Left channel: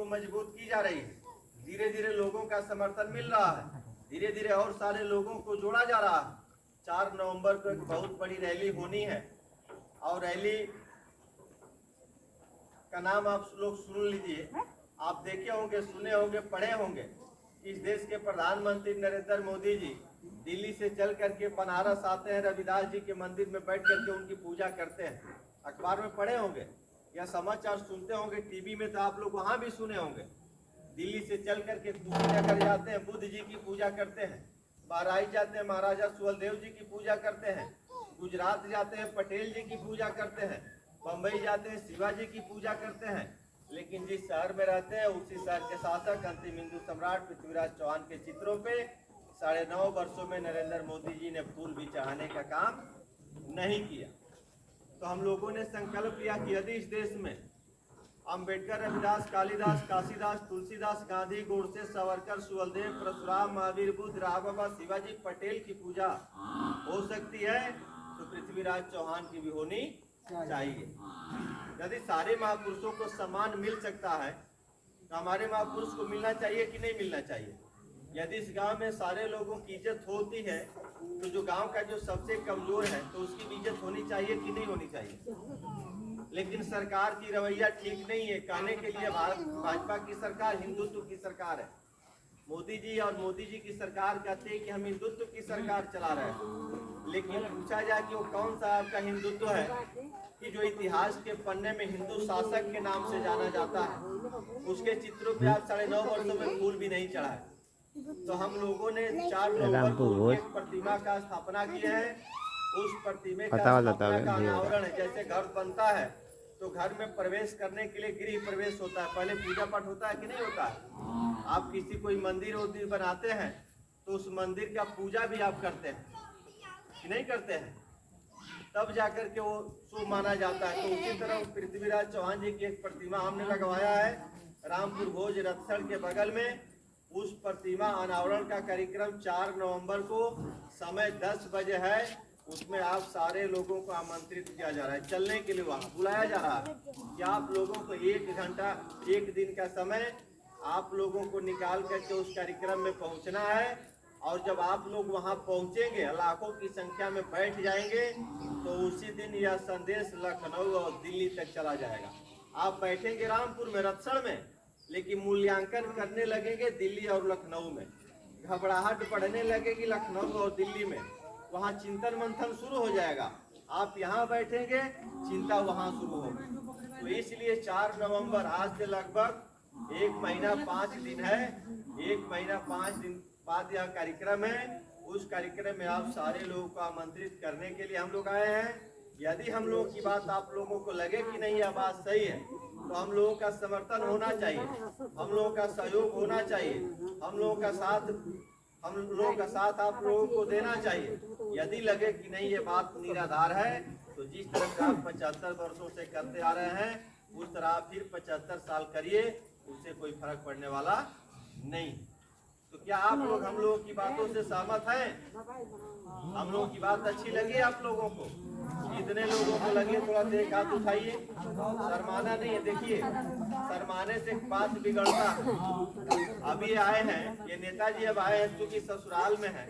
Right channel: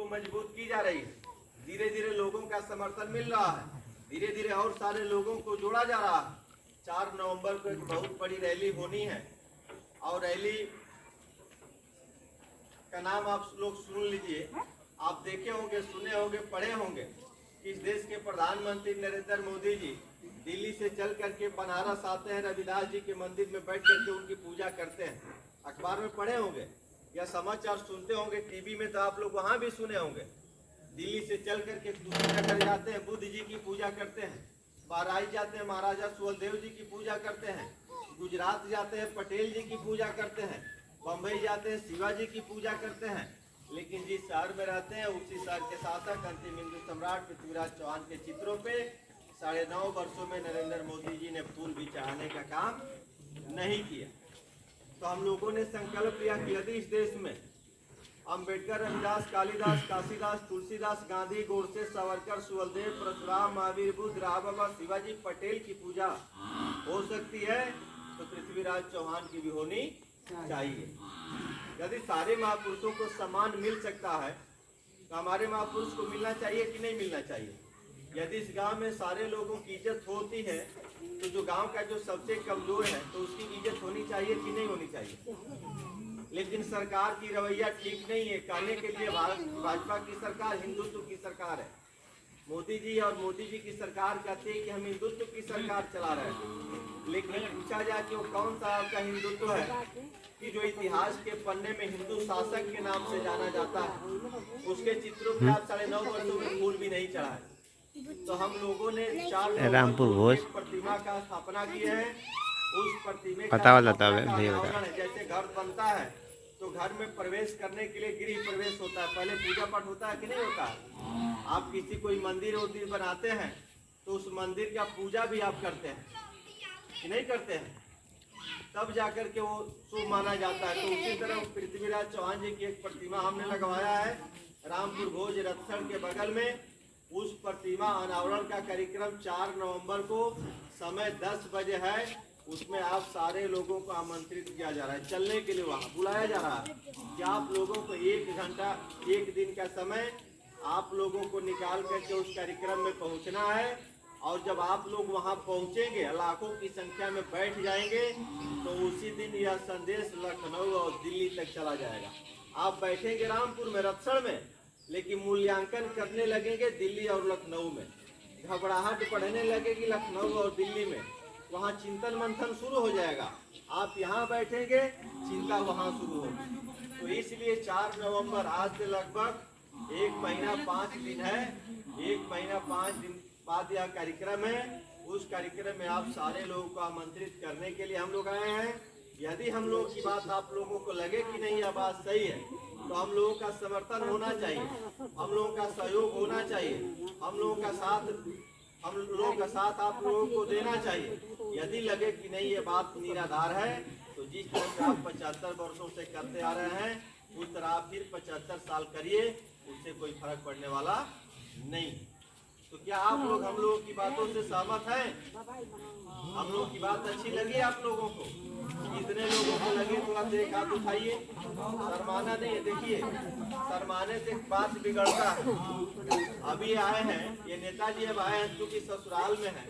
को मजबूत की जा रही है। धीरे धीरे लोगों का समर्थन मिल रहा है, धीरे धीरे और सारे लोगों को जोड़ा जा रहा है। 4 नवंबर को एक बहुत बड़ी रैली होनी है और रैली का नाम आप लोग सुन लीजिए। आप देखे होंगे, सुने होंगे, पढ़े होंगे कि इस देश के प्रधानमंत्री नरेंद्र मोदी जी दिल्ली से चल करके बनारस आते हैं, रविदास जी के मंदिर में बैठ करके उनकी पूजा करते हैं। अखबार में पढ़े होंगे या समाचार सुनते होंगे, टीवी में तो आप लोग वहाँ भी सुने होंगे। दिल्ली से चल करके दूसरी जगह जाते हैं, बुद्ध जी की पूजा करते हैं। बाराई जाते हैं, महाराजा सुहेलदेव जी की पूजा करते हैं। गुजरात जाते हैं, पटेल जी की पूजा करते हैं। बम्बई जाते हैं, शिवाजी की पूजा करते हैं। लेकिन जिस शहर में रहते हैं उसी शहर के शासक अंतिम हिंदू सम्राट पृथ्वीराज चौहान के चित्रों पे 9.5 वर्षों में नरेंद्र मोदी जी ने फूल भी चढ़ाने का काम नहीं किया। तो हम लोगों ने संकल्प लिया कि यदि इस देश में अंबेडकर, रविदास, कालिदास, काशीदास, तुलसीदास, गांधी, गोडसे, सावरकर, सुहेलदेव, परशुराम, महावीर, बुद्ध, राम बाबा, शिवाजी, पटेल की पूजा हो सकती है तो पृथ्वीराज चौहान की भी होनी चाहिए। यदि सारे महापुरुषों को सम्मान मिल सकता है तो हमारे महापुरुष को मिलना चाहिए कि नहीं मिलना चाहिए। यदि इस गांव में सारे लोगों की इज्जत होती है तो जो गांव का जो सबसे कमजोर है तो उसकी भी इज्जत होनी चाहिए कि नहीं होनी चाहिए। लेकिन सरकार की रवैया ठीक नहीं है। कहने के लिए भाजपा की सरकार हिंदुत्व की सरकार है। मोदी जी और मोदी जी की सरकार कहते हैं कि हम हिंदुत्व की सरकार चला रहे हैं, लेकिन पूछा जाए कि वो कौन सा आपका हिंदुत्व है कि जो इतिहास के पन्ने में हिंदू शासक के नाम से जाना जाता है, उसके चित्रों पे आप 9.5 वर्षों में फूल भी नहीं चढ़ा है। तो हम लोगों ने 4 रामपुर भोज प्रतिमा का स्थापना की है। उस प्रतिमा पता का अनावरण है। जैसे घर बनता है तो घर में प्रवेश करने के लिए गृह प्रवेश होता है, पहले पूजा पाठ होता है कि नहीं होता है। आप किसी कोई मंदिर उदिर बनाते हैं तो उस मंदिर का पूजा भी आप करते हैं कि नहीं करते हैं, तब जाकर के वो शुभ माना जाता है। तो उसी तरह पृथ्वीराज चौहान जी की एक प्रतिमा हमने लगवाया है रामपुर भोज रत्सड़ के बगल में। उस प्रतिमा अनावरण का कार्यक्रम 4 नवंबर को समय 10 बजे है। उसमें आप सारे लोगों को आमंत्रित किया जा रहा है, चलने के लिए वहाँ बुलाया जा रहा है कि आप लोगों को 1 घंटा 1 दिन का समय आप लोगों को निकाल करके उस कार्यक्रम में पहुँचना है। और जब आप लोग वहाँ पहुँचेंगे, लाखों की संख्या में बैठ जाएंगे, तो उसी दिन यह संदेश लखनऊ और दिल्ली तक चला जाएगा। आप बैठेंगे रामपुर में, रत्सड़ में, लेकिन मूल्यांकन करने लगेंगे दिल्ली और लखनऊ में। घबराहट बढ़ने लगेगी लखनऊ और दिल्ली में, वहाँ चिंतन मंथन शुरू हो जाएगा। आप यहाँ बैठेंगे, चिंता वहाँ शुरू होगी। तो इसलिए 4 नवंबर आज से लगभग 1 महीना 5 दिन है। 1 महीना 5 दिन बाद यह कार्यक्रम है। उस कार्यक्रम में आप सारे लोगों को आमंत्रित करने के लिए हम लोग आए हैं। यदि हम लोग की बात आप लोगों को लगे कि नहीं यह बात सही है तो हम लोगों का समर्थन होना चाहिए, हम लोगों का सहयोग होना चाहिए, हम लोगों का साथ आप लोगों को देना चाहिए। यदि लगे कि नहीं ये बात निराधार है तो जिस तरह से आप 75 वर्षों से करते आ रहे हैं उस तरह आप फिर 75 साल करिए, उससे कोई फर्क पड़ने वाला नहीं। तो क्या आप लोग हम लोगों की बातों से सहमत हैं? हम लोगों की बात अच्छी लगी आप लोगों को? इतने लोगों को लगे थोड़ा सा एक हाथ उठाइए। शर्माना नहीं है, देखिए शर्माने से बात बिगड़ता है। अभी आए हैं ये नेताजी, अब आए हैं क्योंकि ससुराल में है।